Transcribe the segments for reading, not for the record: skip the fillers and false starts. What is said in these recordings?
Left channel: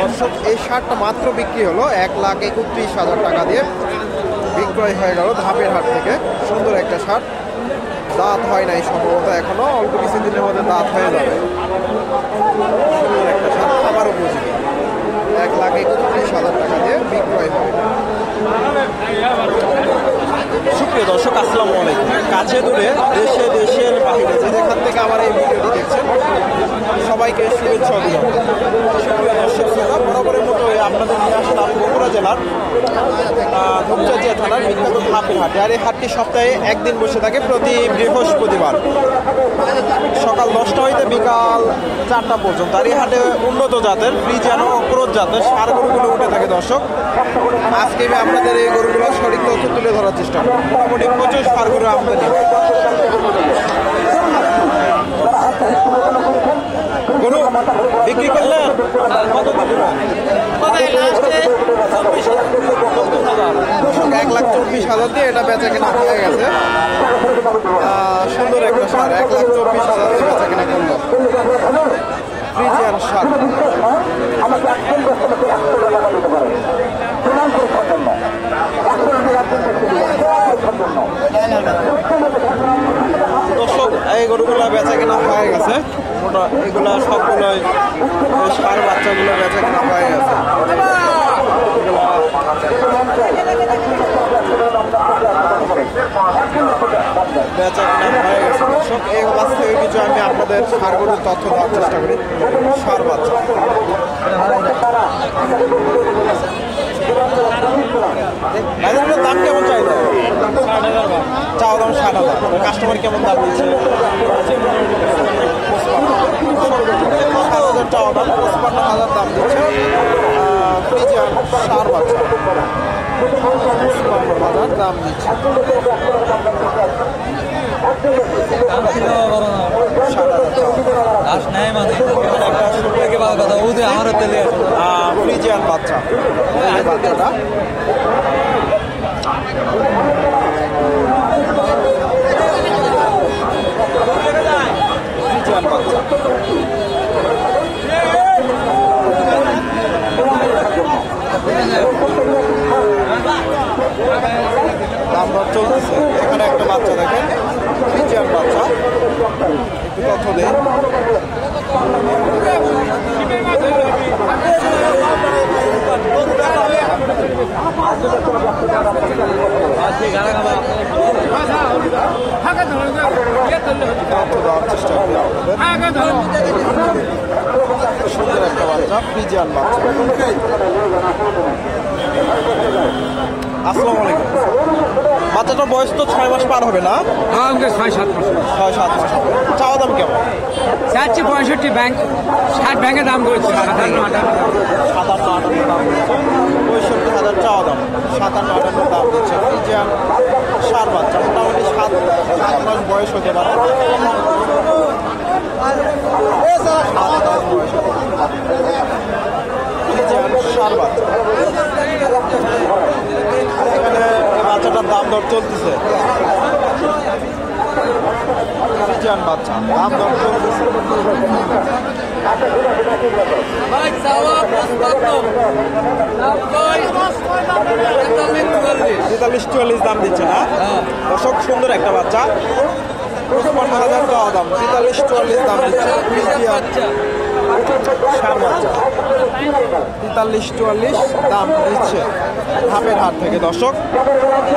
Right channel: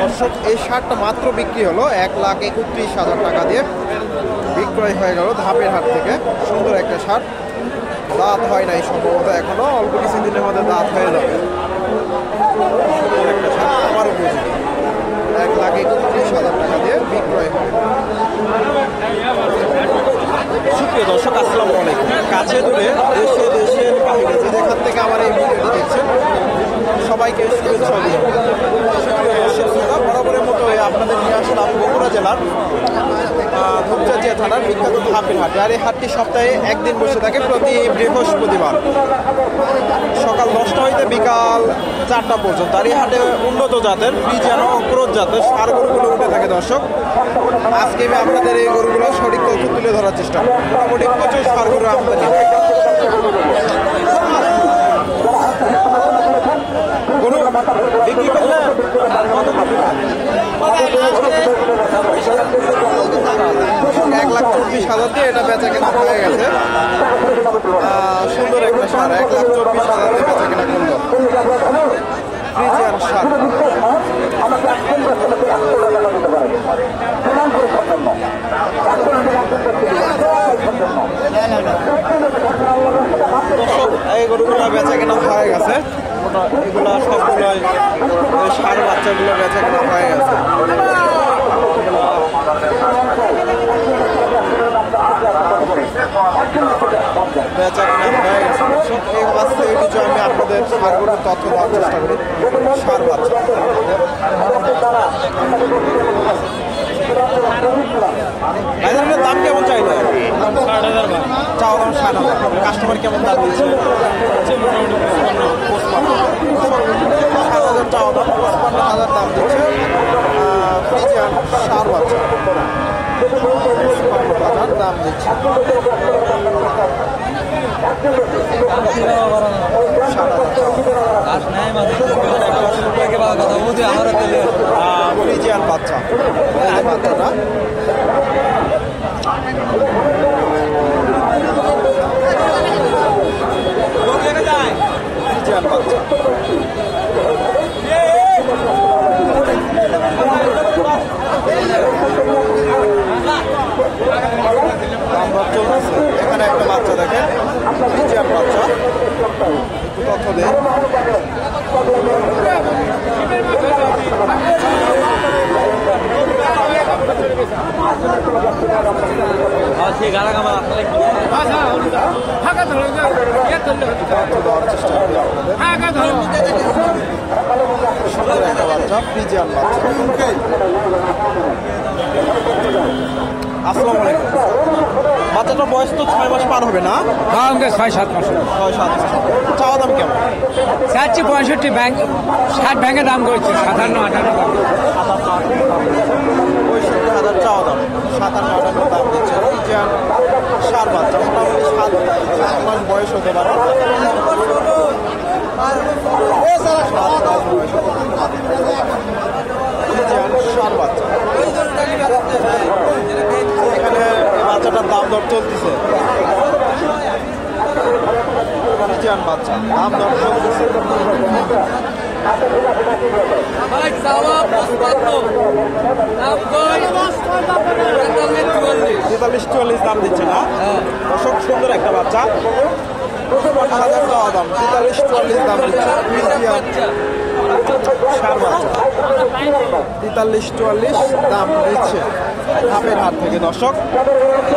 দর্শক এই শার্টটা মাত্র বিক্রি হলো 1,31,000 টাকা দিয়ে বিক্রয় হয়ে গেল ধাপের হাট থেকে। সুন্দর একটা শার্ট, দাঁত হয় নাই সম্ভবত, এখনো অল্প কিছুদিনের মধ্যে দাঁত হয়ে যাবে। সুন্দর একটা শার্ট, খাবার উপযোগী, 1,31,000 টাকা দিয়ে বিক্রয় হয়। সুপ্রিয় দর্শক, আসসালামু আলাইকুম। কাছে দূরে দেশে দেশের বাইরে যে যেখান থেকে আমার এই ভিডিওটি দেখছেন সবাইকে শুভেচ্ছা অভিনন্দন। সুপ্রিয় দর্শক, বরাবরের মতো আপনাদের নিয়ে আসলাম বগুড়া জেলার ধূপচাচিয়া থানার বিখ্যাত ধাপের হাট। আর এই হাটটি সপ্তাহে একদিন বসে থাকে, প্রতি বৃহস্পতিবার সকাল 10টা হইতে বিকাল 4টা পর্যন্ত। আর এই হাটে উন্নত জাতের ফ্রিজিয়ান ও ক্রোস জাতের ষাঁড় গরুগুলো উঠে থাকে। দর্শক, আজকে আমি আপনাদের এই গরুগুলো সঠিক তথ্য তুলে ধরার চেষ্টা করি। মোটামুটি প্রচুর ষাঁড় গরু আমদানি। বিক্রি করলেন 1,24,000 দিয়ে এটা বেচা কেনা হয়ে গেছে। সুন্দর একটা ষাঁড়, 1,24,000 দিয়ে বেচা কেনা করলো। ফ্রিজিয়ান ষাঁড় দর্শক, এই গরুগুলো বেচা কেনা হয়ে গেছে। মোটা এগুলা সবগুলোই ষাঁড় বাচ্চাগুলো বেচা কেনা হয়ে গেছে। বেচা কেনা হয়ে গেছে দর্শক। এই বাচ্চা এই কিছু আমি আপনাদের ষাঁড় গরুর তথ্য দেওয়ার চেষ্টা করি। ষাঁড় বাচ্চা ভাইজানের দাম কেমন চাইলে? 60,000। চাওয়া দাম 60,000। কাস্টমার কেমন দাম দিচ্ছে? 7,000 চাওয়া দাম, 55,000 দাম দিচ্ছে। ষাঁড় বাচ্চা 55,000 দাম দিচ্ছে। ফ্রিজিয়ান বাচ্চা, এই যে বাচ্চাটা ফ্রিজিয়ান বাচ্চা। দাম দর চলতেছে। এখানে একটা বাচ্চা দেখেন, ফ্রিজিয়ান বাচ্চা, একটু তথ্য দেয়। দেওয়ার চেষ্টা করি আপনাদের। সুন্দর একটা বাচ্চা, ফ্রিজিয়ান বাচ্চা। আসসালামু আলাইকুম। বাচ্চাটার বয়স তো 6 মাস পার হবে না? 6-7 মাস। 6-7 মাস হবে। চাওয়া দাম কেমন? 65 ব্যাংক 60 ব্যাংকের দাম করেছে 57-58 দাম দিচ্ছে। 65,000 চাওয়া দাম, 57-58 দাম দিচ্ছে। ফ্রিজিয়ান ষাঁড় বাচ্চা, মোটামুটি 7 মাস বয়স হতে পারে। ষাঁড় বাচ্চা, এখানে বাচ্চাটার দাম দর চলতেছে। ফ্রিজিয়ান বাচ্চা, দাম দর চলতেছে। 43-44 দাম দিচ্ছে না? দর্শক, সুন্দর একটা বাচ্চা, 55,000 চাওয়া দাম, 43-44 দাম দিচ্ছে। ফ্রিজিয়ান ষাঁড় বাচ্চা 43-44 দাম দিচ্ছে ধাপের হাট থেকে। দর্শক,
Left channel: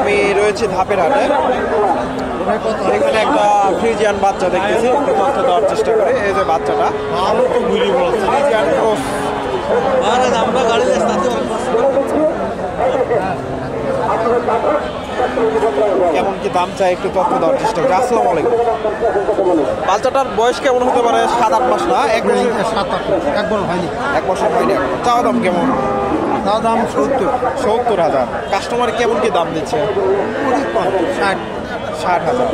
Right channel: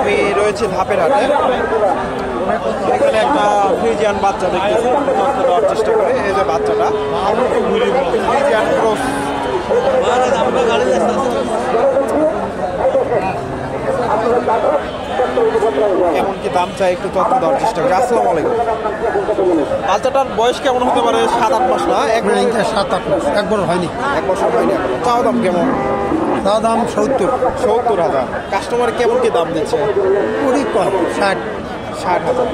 আমি রয়েছি ধাপের হাটে। এখানে একটা ফ্রিজিয়ান বাচ্চা দেখতেছি, দেওয়ার চেষ্টা করে। এই যে বাচ্চাটা ফ্রিজিয়ান ক্রস। কেমন কি দাম চাই একটু তথ্য দেওয়ার চেষ্টা করি। আসসালামু আলাইকুম। বাচ্চাটার বয়স কেমন হতে পারে? 7-8 মাস না? 1 বছর হয়নি। 1 বছর হয়নি। চাওয়া দাম কেমন? চাওয়া দাম 70,000। কাস্টমার কেমন কি দাম দিচ্ছে? 60,000।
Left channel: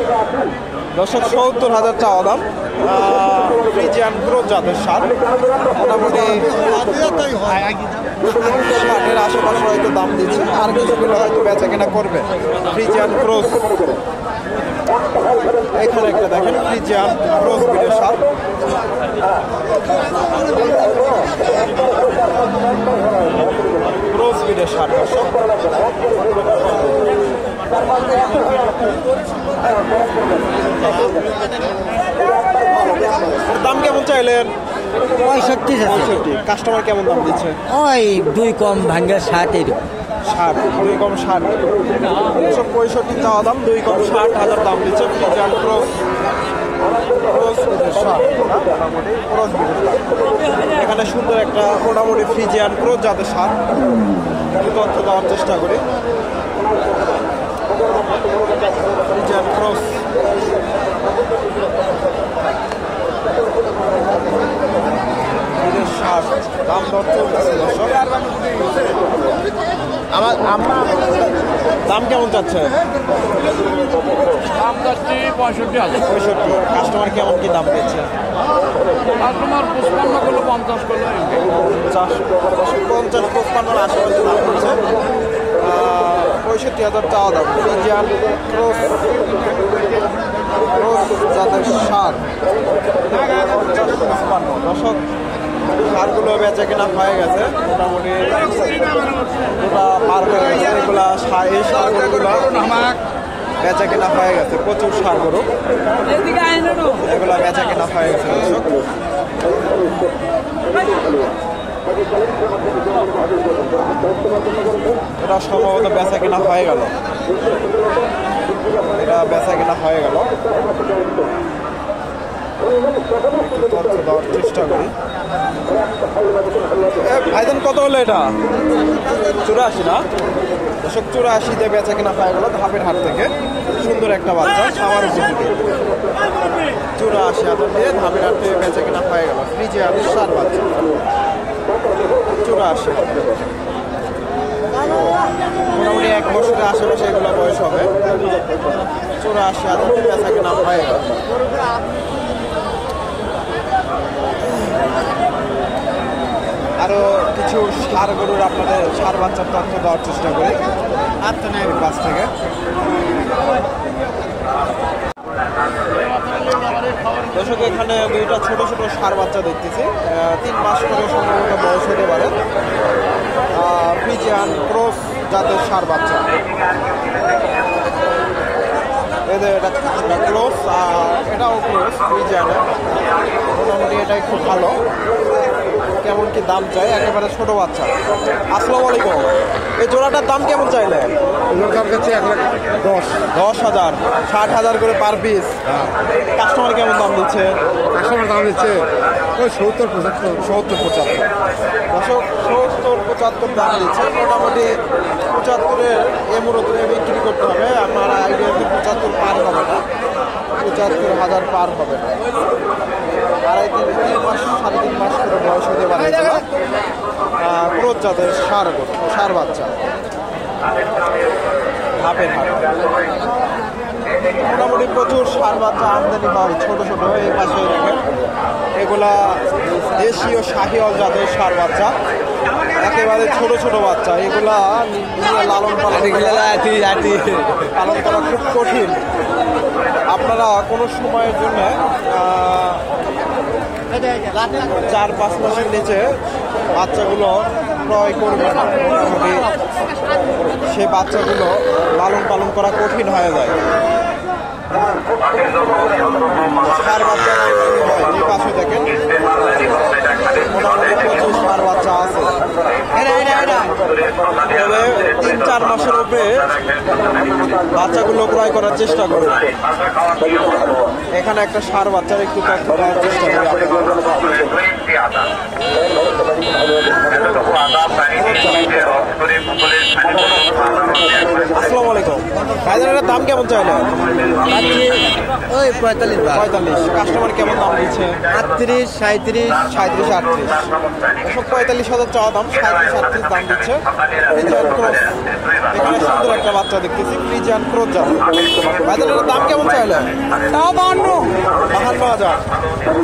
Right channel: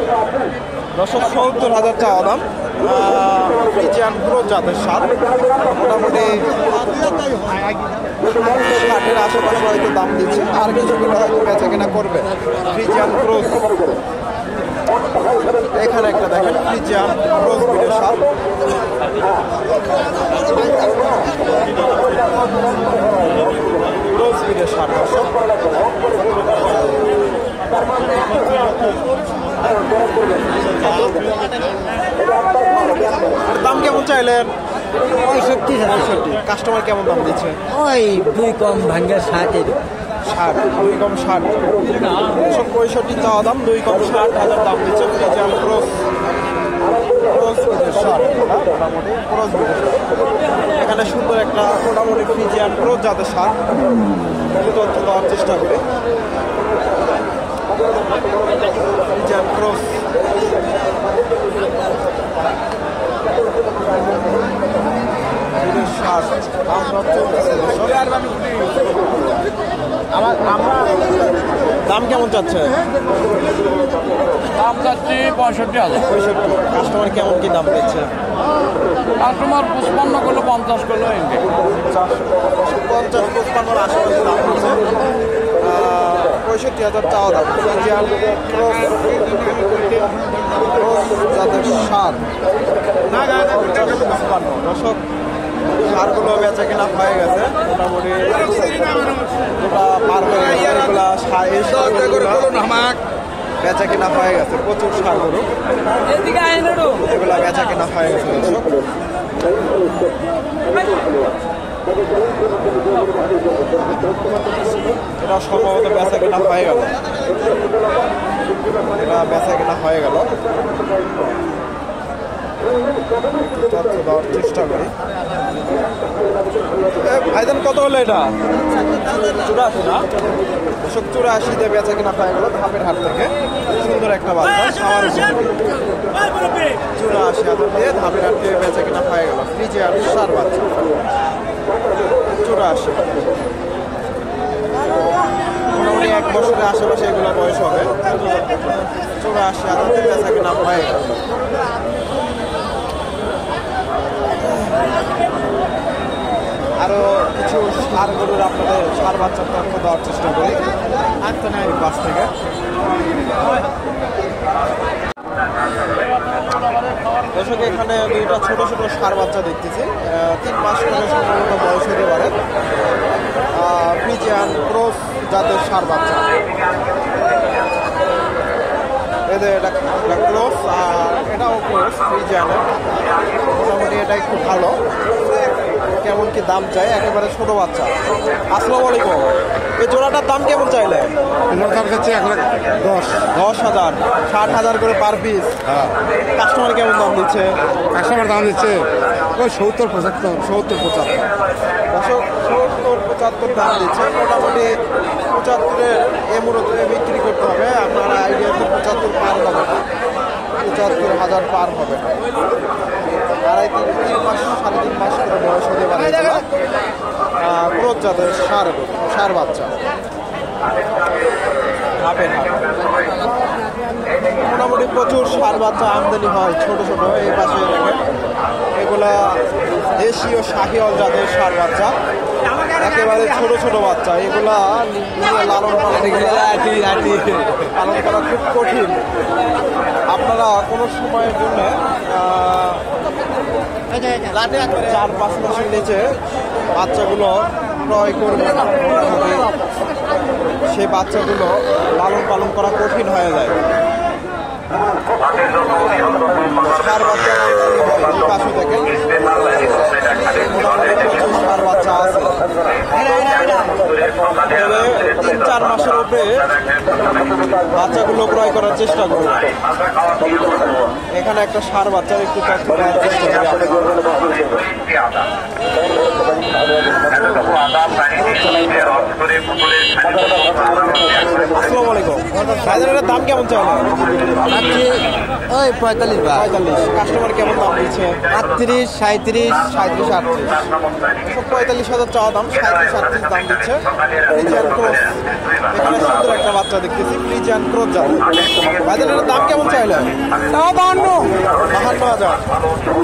দর্শক, 70,000 চাওয়া দাম। ফ্রিজিয়ান ক্রস জাতের ষাঁড়, মোটামুটি 60-এর আশেপাশে হয়তো দাম দিচ্ছে। আর কিছুগুলো হয়তো বেচা কেনা করবে। ফ্রিজিয়ান ক্রস, এখানে একটা দেখেন ফ্রিজিয়ান ক্রস ব্রিডের ষাঁড়। বিটের সার। দর্শক দাম কেমন চাইলেন? 65। কাস্টমার কেমন দাম দিচ্ছে? ওই 2 কম ভাঙ্গা 60 60, 2 কম 60। 65 চাওয়া দাম, 2 কম 60,000 দাম দিচ্ছে। ফ্রিজিয়ান ক্রস বিটের সার, মোটামুটি ক্রস বিটের সার। এখানে সুন্দর একটা মোটামুটি ফ্রিজিয়ান ক্রস জাতের সার তথ্য দেওয়ার চেষ্টা করি। ফ্রিজিয়ান ক্রস সার দাম দর চলতেছে। দর্শক দাম কেমন চাচ্ছে? 65,000। কাস্টমার কেমন কি দাম দিচ্ছে? কাস্টমার 55 করলে 50 করলে 50, 55 আশেপাশে দাম দিচ্ছে। 65,000 চাওয়া দাম। ফ্রিজিয়ান ক্রস যাদের সার 50, 55। দর্শক সারগুলো বেচা কেনা হয়ে গেছে, মোটামুটি গোটা পার হয়ে গেছে। এগুলা এই সারগুলো বেচা কেনা হয়ে গেছে, প্রচুর সার গরু এগুলা বেচা কেনা হয়ে গেছে। দর্শক এটা সম্ভবত বেচা কেনা হয়ে গেল, এটা বেচা কেনা হয়ে গেল। তথ্য দেওয়ার চেষ্টা করি। ভাইজান কত হলো এটা? 84 না? দর্শক 84-তে বেচা কেনা হয়ে গেল ধাপের হাট থেকে। সুন্দর একটা বাচ্চা, সামার উপযোগী। 84,000 দিয়ে ধাপের হাট থেকে বেচা কেনা হয়ে গেল। ফ্রিজিয়ান সার বাচ্চা 84। মোটামুটি 1 বছরের আশেপাশে এগুলো বয়স হবে। 84,000 দিয়ে বেচা কেনা হয়ে গেল। আরো কিছু সার গরুর আপনাদের সার বাচ্চার তথ্য দেওয়ার চেষ্টা করি বাস থেকে। দর্শক এখানে দুইটা ছোট ছোট সার বাচ্চা দেখতেছি, 3 মাস করে সম্ভবত বয়স হতে পারে। ফ্রিজিয়ান ক্রস জাতের সার বাচ্চা। এদের এটা ক্রস আর এটাও ক্রস ফ্রিজিয়ানের। মোটামুটি এটাই খুব ভালো। কেমন কি দাম চাই? একেবারে ছোট বাচ্চা। আসসালামু আলাইকুম। এই জোড়াটার দাম কেমন চাইলেন? 10,000, 60,000 করে পার পিস। কাস্টমার কেমন দাম দিচ্ছে? কাস্টমার দাম দিচ্ছে ওই 70-75। 70-75। দর্শক 70-75 দাম দিচ্ছে। মোটামুটি 75-এর মূলত বিক্রি করতে হবে। আপনারা আইডিয়া 75 পার হবে না, 75,000 পার হবে না। 2.5-3 মাস 3.5 মাস করে বয়স হতে পারে। ক্রস জাতের সার বাচ্চা ধাপের হাট। মোটামুটি প্রচুর সার বাচ্চা আমদানি হয় ছোট ছোট। এই পাশে দেখেন এগুলা দেশীয় শাহিওয়াল জাতের সার বাচ্চা, একেবারে ছোট ছোট বাচ্চা। এগুলা নিয়ে লালন পালন করা খুব কঠিন। আপনারা কোনো সময়ের জন্য 4-5 মাসের নিচে বাচ্চাগুলো ক্রয় করবে না। মোটামুটি সেই বাচ্চাগুলো লালন পালন করা কঠিন হয়ে যায়। সার বাচ্চা এই পাশে দেখেন মোটামুটি প্রচুর সার বাচ্চা আছে। তবে 3-4 মাসের উপরে বাচ্চাগুলো ক্রয় করার চেষ্টা করুন। এখানে একটা সার বাচ্চার একটু তথ্য দেওয়ার চেষ্টা করি আপনাদের। আসসালামু আলাইকুম। ভাইজানের দাম কেমন চাইলেন? ওই 45। কাস্টমার কেমন দাম দিচ্ছে? 38, 37, 37-38। 45,000 চাওয়া দাম, 37-38 দাম দিচ্ছে। ফ্রিজিয়ান ক্রস, এখানে সুন্দর একটা বাচ্চা দেখতেছি, ফ্রিজিয়ান ক্রস যাবে। ভাইজানের দাম কেমন চাইলেন? 52,000।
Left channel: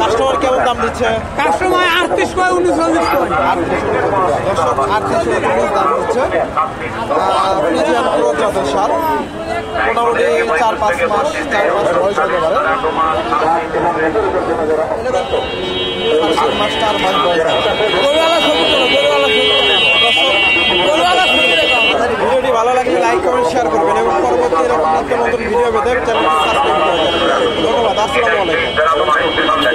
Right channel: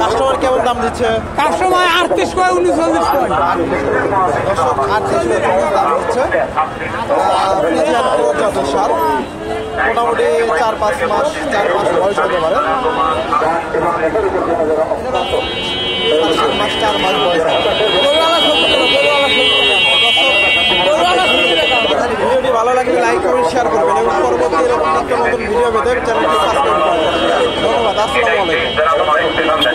কাস্টমার কেমন দাম দিচ্ছে? কাস্টমার 38 কয় 39 কয়। দর্শক 38-39 দাম দিচ্ছে। ফ্রিজিয়ান ক্রস জাতের সার। মোটামুটি 4-5 মাস বয়স হতে পারে। 3.5 মাস 4 মাস বয়স। ভালো লাগলে লাইক কমেন্ট শেয়ার করবেন এবং পরবর্তী এরকম নিত্য নতুন ভিডিও পেতে চ্যানেলটি সাবস্ক্রাইব করবেন। ধন্যবাদ। আসসালামু আলাইকুম।